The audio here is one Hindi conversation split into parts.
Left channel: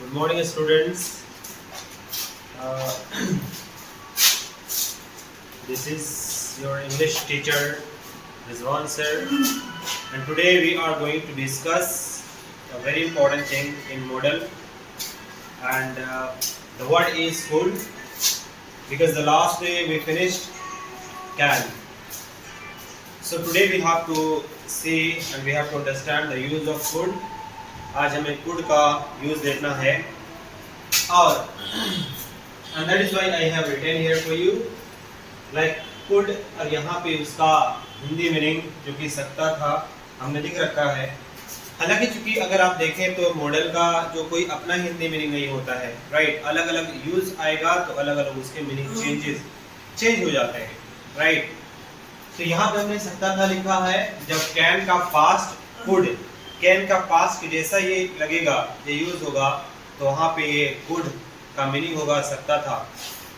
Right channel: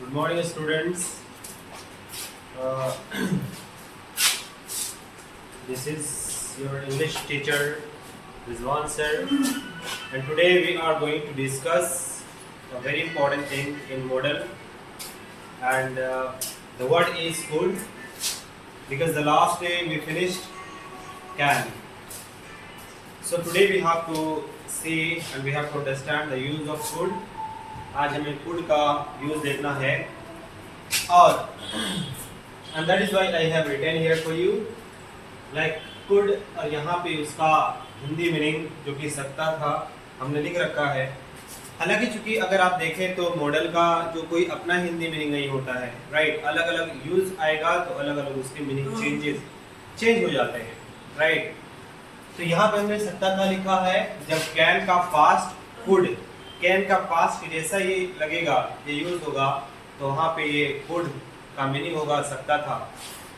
Good morning, students. Uh, this is your English teacher, Rizwan sir, and today we are going to discuss a very important thing in model, and the word is food, because the last day we finished can. So today we have to see and we have to understand the use of food. आज हमें फूड का यूज देखना है और and that is why I have written here for you like could, और यहाँ पे उसका हिंदी मीनिंग जो कि सकता था हमने लिख रखा है। हालांकि चूंकि अगर आप देखें तो मॉडल का जो कोई अपना हिंदी मीनिंग नहीं होता है, राइट। अलग अलग यूज आएगा तो अलग अलग उसके मीनिंग चेंज हो जाते हैं, राइट। तो यहाँ पे हमने सकता था लिखा है, जब कैन का पास्ट फूड, कैन का पास्ट जैसा ये लगेगा, ये यूज होगा तो वहाँ पे ये गुड का मीनिंग होगा सकता था।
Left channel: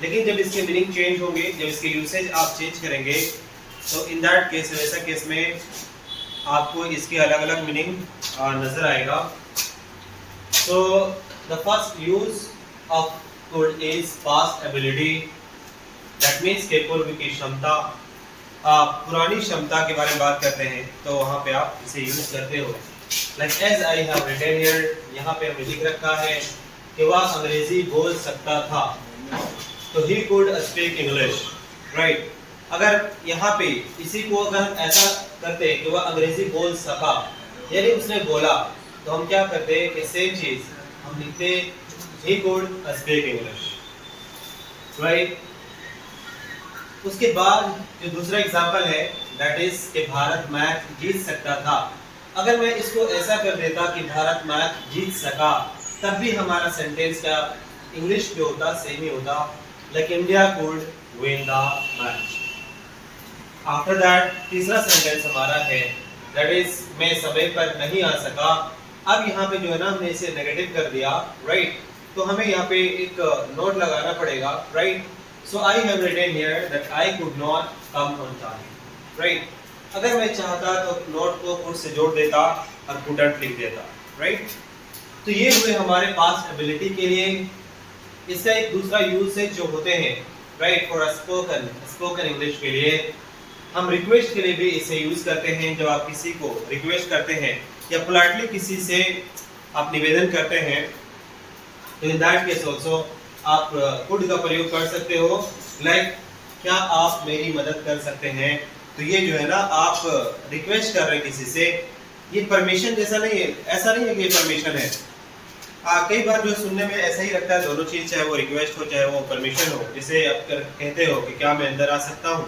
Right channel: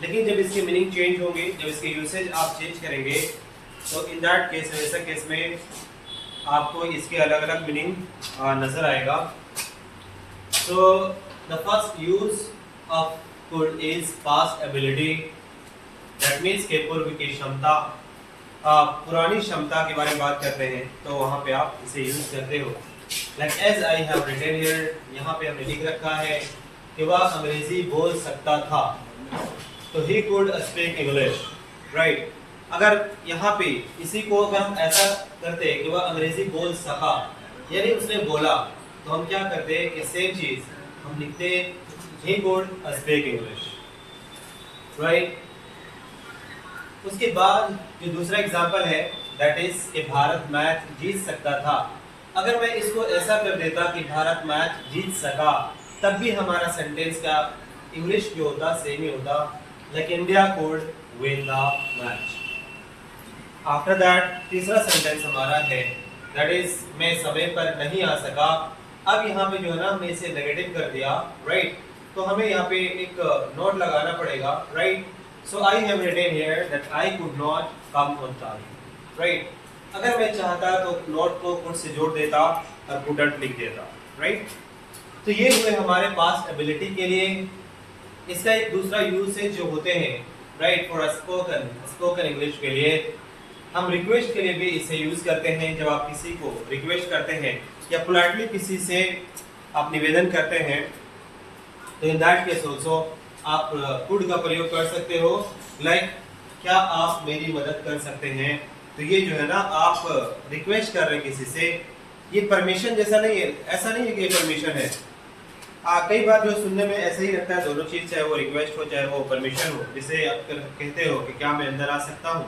लेकिन जब इसके मीनिंग चेंज होंगे, जब इसके यूसेज आप चेंज करेंगे तो इन दैट केस, वैसा केस में आपको इसके अलग अलग मीनिंग नजर आएगा। So the first use of could is past ability, that means के पूर्व की क्षमता, पुरानी क्षमता के बारे में बात करते हैं तो वहाँ पे आप इसे यूज करते हो। Like as I have written here, यहाँ पे हमने लिख रखा है कि वह अंग्रेजी बोल सकता था, तो he could speak English, right? अगर यहाँ पे इसी को अगर हम ऐसा करते कि वह अंग्रेजी बोल सका, यानी उसने बोला, तो हम क्या करते कि सेम चीज हम लिखते he could speak English, right? उसके बाद जो दूसरा एग्जाम्पल है दैट इज कि भारत मैच जीत सकता था। अगर मैं इसको ऐसा कर देता कि भारत मैच जीत सका, तब भी हमारा सेंटेंस का इंग्लिश जो होता सेम ही होता, like India could win the match. After that तीसरा सेंटेंस हमारा है दैट इज मैं समय पर नहीं आ सका। अब यहाँ पे जो है ना हमने इसे नेगेटिव कर दिया, राइट। तो हमें यहाँ पे एक नोट लगाना पड़ेगा, right. So I have written here that I could not come on time, right. अगर मैं चाहता तो नोट को कुड से जोड़ देता और कुडंट लिख देता, राइट। तो ये हुए हमारे पास एबिलिटी के लिए। इसका एक दूसरा यूसेज जो होते हैं, राइट, फॉर स्पोकन इंग्लिश के लिए हम रिक्वेस्ट के लिए भी इसे यूज करते हैं। जब आप किसी को रिक्वेस्ट करते हैं या पोलाइटली किसी से आप निवेदन करते हैं, तो इन दैट केस ऑल्सो आप कुड का प्रयोग कर सकते हो, लाइक क्या आप मेरी मदद कर सकते हैं। तो ये जो है ना आप रिक्वेस्ट कर रहे हैं किसी से, ये परमिशन जैसा नहीं है, ऐसा नहीं है कि ये परमिशन है। कई बार जो सुनने में ऐसा ही लगता है, दोनों चीज, चाहे वो रिक्वेस्ट हो चाहे वो परमिशन हो, जिसे आप कहते हो कि क्या मैं अंदर आ सकता हूँ,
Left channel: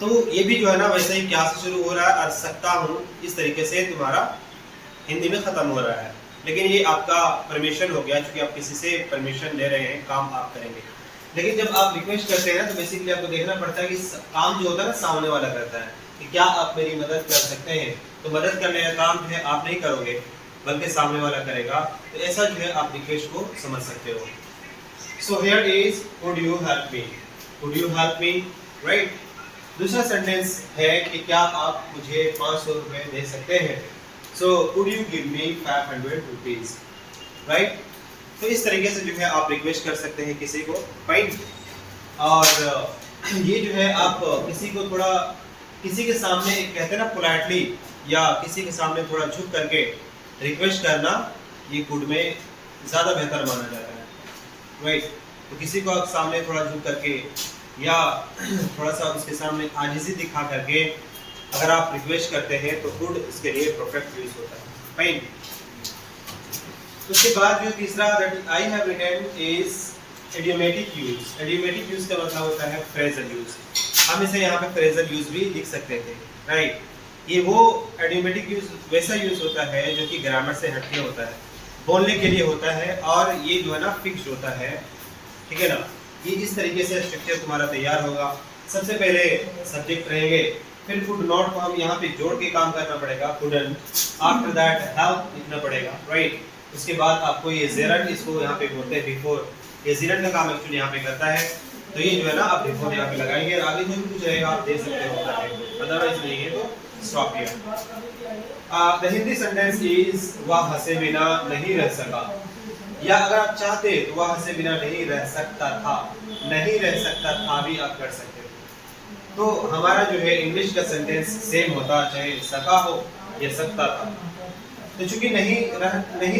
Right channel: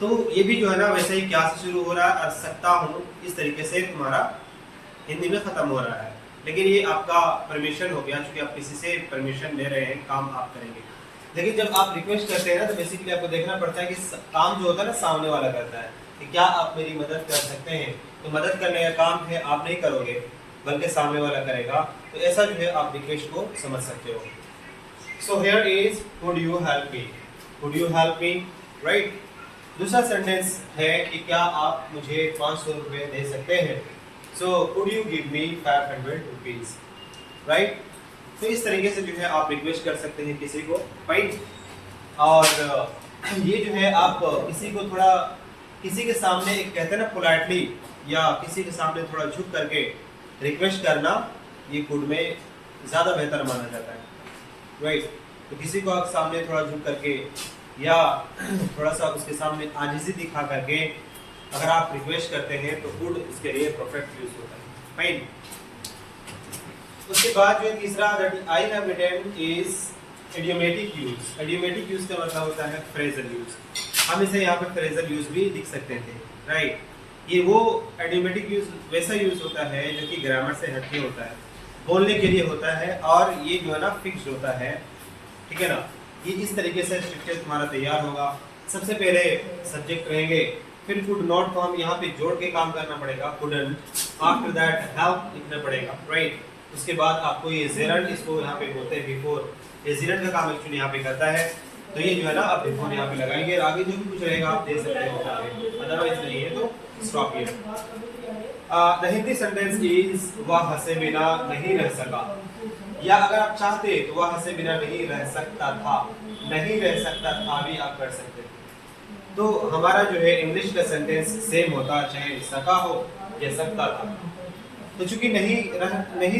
तो ये भी जो है ना वैसे ही क्या से शुरू हो रहा है, आ सकता हूँ, इस तरीके से तुम्हारा हिंदी में खत्म हो रहा है। लेकिन ये आपका परमिशन हो गया, क्योंकि आप किसी से परमिशन ले रहे हैं, काम आप करेंगे। लेकिन जब आप रिक्वेस्ट करते हैं ना, तो बेसिकली आपको देखना पड़ता है कि काम जो होता है ना सामने वाला करता है, कि क्या आप मेरी मदद कर सकते हैं। तो मदद करने का काम जो है आप नहीं करोगे, बल्कि सामने वाला करेगा। तो ऐसा जो है आप रिक्वेस्ट को समझ सकते हो। So here is could you help me, could you help me, right. दूसरा सेंटेंस है कि क्या आप मुझे 500 रुपए दे सकते हैं। So could you give me 500 rupees, right. तो इस तरीके से जो है आप रिक्वेस्ट कर सकते हैं किसी को, फाइन। और ये जो है आप किसी को थोड़ा, किसी के सामने एक कहते हैं ना पोलाइटली, या किसी के सामने थोड़ा झुक करके रिक्वेस्ट करना, ये कुड में ज़्यादा बेहतर माना जाता है, राइट। तो किसी को आप सामने थोड़ा झुक करके या थोड़ा सा उसके सामने आजिज़ी दिखा करके अगर आप रिक्वेस्ट करते हैं तो कुड इसके लिए परफेक्ट यूज होता है, फाइन। उसके बाद जो तीसरा that I have written is idiomatic use. Idiomatic use का मतलब होता है फ्रेजल यूज। हम इसे यहाँ पे फ्रेजल यूज भी लिख सकते थे, राइट। ये वो इडियोमेटिक यूज वैसा यूज होता है जो कि ग्रामर से हटके होता है, बोलने के लिए होता है, और ये जो है ना फिक्स्ड होता है, ठीक है ना। ये इस तरीके से स्ट्रक्चर तुम्हारा तैयार होगा। सबसे पहले सब्जेक्ट रहेंगे, फिर कुड नॉट को हम यहाँ पे जोड़ के काम करना पड़ेगा, कुडंट। आफ्टर दैट हेल्प लिखना पड़ेगा, राइट। उसके बाद आपको ये जेरंट, इसको यहाँ पे बोलते हैं बिफोर, ये जेरंट का काम एक्चुअली यहाँ पे करता है। तो ये जो है ना आप बिफोर यहाँ पे लगाएंगे, और आगे जो भी कुछ रहेगा आप दे सकते हो, अदरवाइज नहीं है तो stop here. The Hindi sentence is वह हंसे बिना नहीं रह सका, या अगर आप चाहते तो वह हंसे बिना नहीं रह सकता था, नहीं रह सकता था भी आप कर सकते थे। तो हमारा जो है इंग्लिश का सेंटेंस सेम होता, चाहे सका हो या सकता था। तो चूंकि नहीं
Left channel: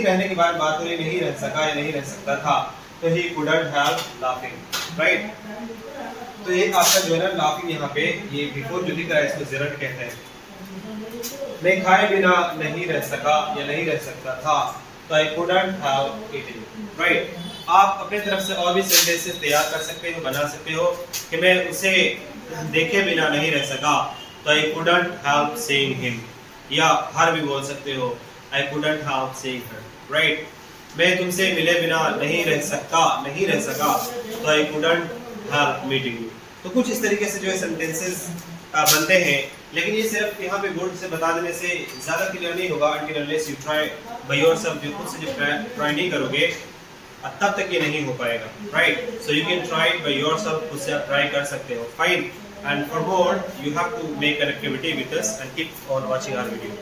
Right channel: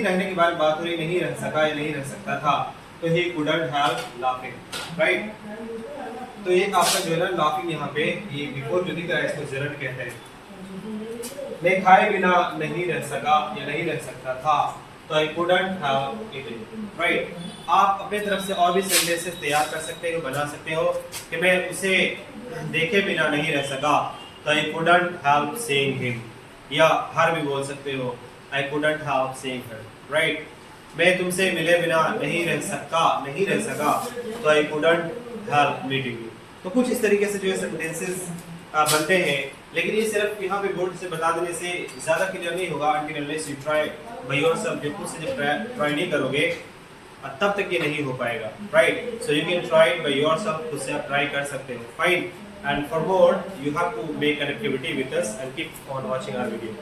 रहने के बारे में बात हो रही, नहीं रह सका या नहीं रह सकता था, तो ही couldn't have laughing, राइट। तो एक आपका जो है ना लाफिंग यहाँ पे ये बिफोर जो दिख रहा है इसको जेरंड कहते हैं। मैं खाए बिना नहीं रह सका या नहीं रह सकता था, तो I couldn't have eaten, right. आप अपने तरफ से और भी सेंटेंसेस तैयार कर सकते हो, बना सकते हो कि मैं उसे देखे बिना नहीं रह सका, तो I couldn't have seen him, या हर भी बोल सकते हो I couldn't have seen her, right. मैं तुमसे मिले बिना नहीं रह सका, तो I couldn't have meeting you। तो कुछ इस तरीके से जो है सेंटेंसेस बनते हैं, लेकिन ये सिर्फ यहाँ पे बोर्ड से बता देने से ज़्यादा क्लियर नहीं होगा until unless you try by yourself। जो खुद से जब ट्राई नहीं करोगे तब तक ये नहीं हो पाएगा, right. So you can try it by yourself, खुद से आप ट्राई कर सकते हो, fine. And for more you have to make an activity with us and keep on watching our video.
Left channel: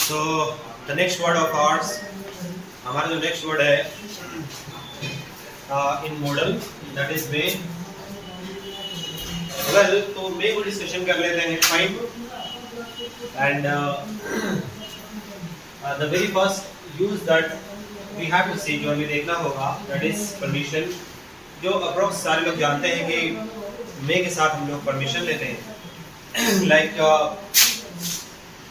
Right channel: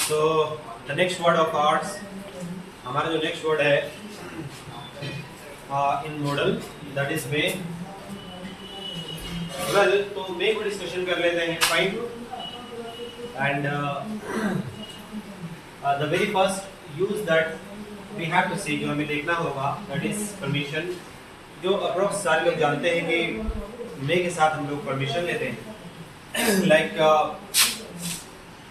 So the next word of ours, हमारा जो नेक्स्ट वर्ड है in model, that is may. Well, तो मे को डिस्कशन कर लेते हैं, fine. And the very first use that we have to see, जो हमें देखना होगा, दैट इज परमिशन। जो अप्रोक्स सारे लोग जानते हैं कि मे के साथ हम लोग परमिशन लेते हैं। लाइक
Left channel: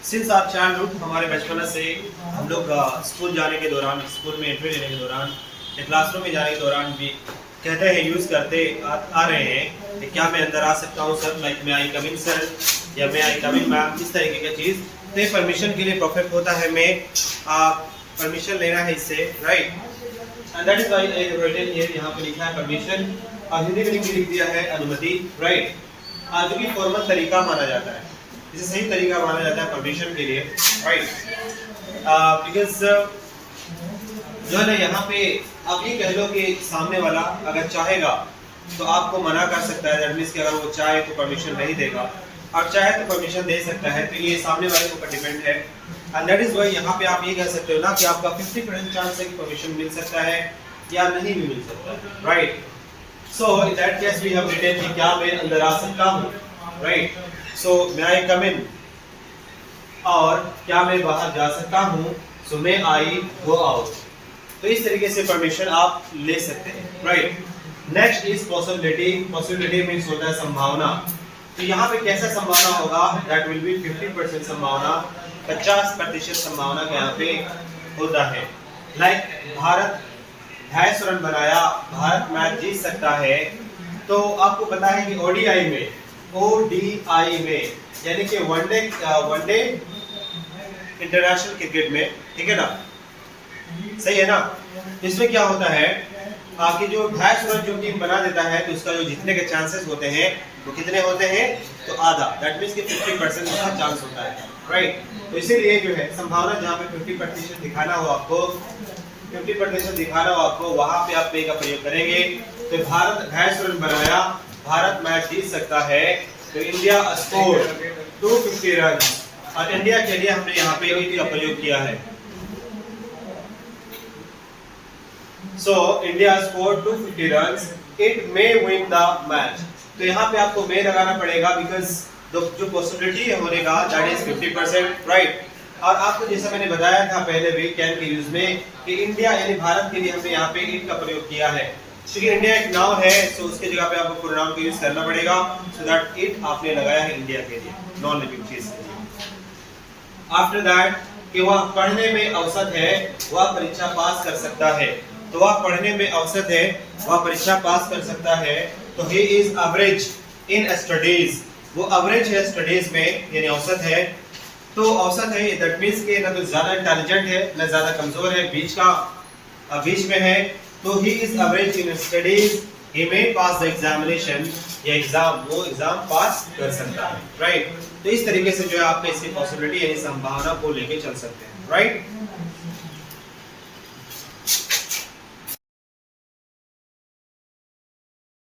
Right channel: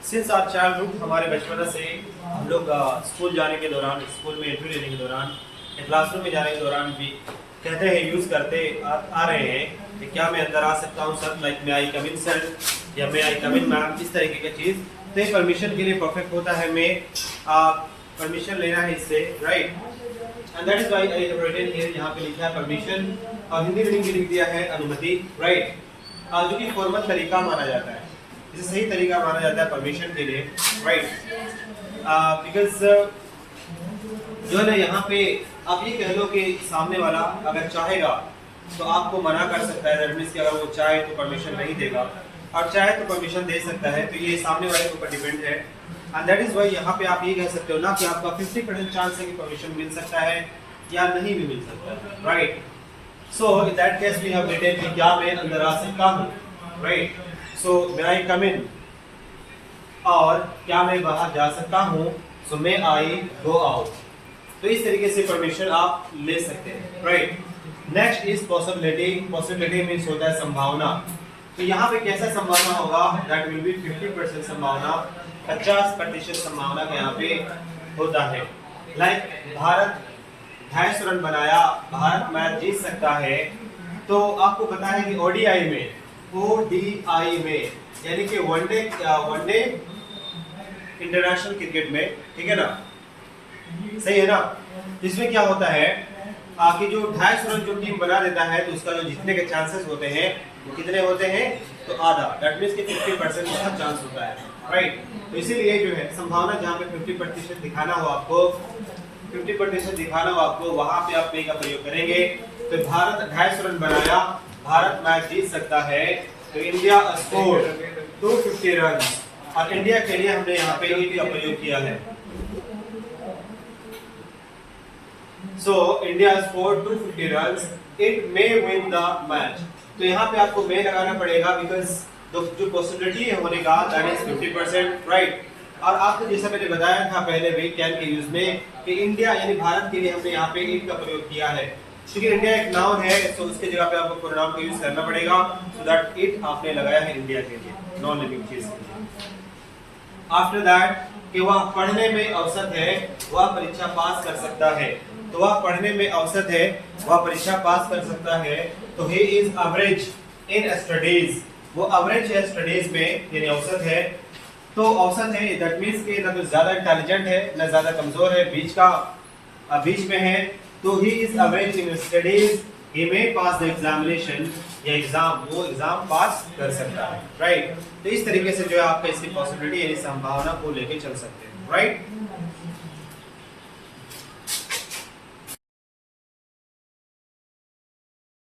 सिंस आवर चाइल्डहुड, हमारे बचपन से हम लोग स्कूल जाने के दौरान, स्कूल में एंट्री लेने के दौरान या क्लासरूम में जाने के दौरान भी कहते हैं, यूज़ करते आ रहे हैं कि क्या मैं अंदर आ सकता हूँ सर, लाइक मे आई कम इन सर, या मे आई कम इन मैम, इस तरीके का चीज़। तो ये परमिशन के लिए परफेक्ट होता है, मैं परमिशन लेना है इससे, right. And that is why I have written here, यहाँ पे लिखा है परमिशन, और हिंदी में लिख दिया है अनुमति, राइट। जो कि फॉर्मल तरीका माना जाता है, इसे सही तरीका माना जाता है परमिशन के लिए, राइट। बिकॉज जो है ना यहाँ पे आप ये कह लो कि सामने वाला अगर चाहेगा तो आपको मना कर सकता है, दैट मींस कि अगर वो चाहे तो परमिशन नहीं देगा, और चाहे तो परमिशन दे सकता है। तो ये सामने वाले के ऊपर डिपेंड है। एंड दैट इज व्हाई यहाँ पे आप ये कह सकते हो ना कि आपका 50% चांस है कि परमिशन मिल सकता है या नहीं भी मिल सकता है, right. So in that case we have written कि क्या मैं अंदर आ सकता हूँ, राइट। सो मे आई कम इन, और क्या मैं बाहर जा सकता हूँ, सो मे आई गो आउट। तो इस तरीके से परमिशन आप ले सकते हैं, right. Next is possibility. Possibility means होता है संभावना। तो यहाँ पे कैसा संभावना होगा, दैट विल बी 50% संभावना, 50% संभावना का यहाँ पे होता है। लाइक भारत 250 रन बनाया, भारत मैच जीत सकता है। तो आपको पता है कि ओडीआई में यानी कि वनडे इंटरनेशनल क्रिकेट में, ठीक है ना, सही है ना। इसमें क्या होता है कि जो 250 रन जो टीम बना देता है, तो उसका जो जीतने के चांसेस होते हैं वो कितने होते हैं, तो आधा, दैट मींस कि 50% उसका चांस होता है, राइट। तो इसीलिए जो है संभावना जहाँ पे 50% दिखाना हो आपको, 50% दिखाना हो आपको, वहां पे आप पे का प्रयोग करेंगे। तो भारत 250 रन बनाया, भारत मैच जीत सकता है, तो इंडिया स्कोर 250 रन, और इंडिया के लिए हमने यहाँ पे इट का प्रयोग किया है। So India score 250 run, it may win the match. तो यहाँ पे आपको मे लगाना पड़ेगा, बिकॉज जो पॉसिबिलिटी है होने का दैट इज 50%, राइट। और आपको जैसा मैंने बताया था पहले भी कैन के यूज में कि इंडिया यानी भारत के लिए हमने यहाँ पे इट का प्रयोग किया है, क्योंकि इंडिया एक नाउन है, सो उसके जगह पे आपको प्रोनाउन का यूज करना पड़ेगा। सो दैट इट आपने लगाया है इंडिया के लिए, नॉन लिविंग चीज के लिए। आफ्टर दैट कि वह पढ़ने में अवसर है, वह परीक्षा पास कर सकता है। तो वह पढ़ने में अवसर है, वह परीक्षा पास कर सकता है। तो he is average in studies, वो एवरेज है स्टडीज में, यानी औसत है। तो औसत है दैट मींस कि ना तो ज्यादा इंटेलिजेंट है ना ज्यादा कमजोर है, बीच में है। तो he is average in studies, he may pass the examination, या वो एग्जाम पास कर सकता है, राइट। तो इस तरीके से जो है आपका इसकी पॉसिबिलिटी यानी संभावना को लेके चल सकते हैं, राइट।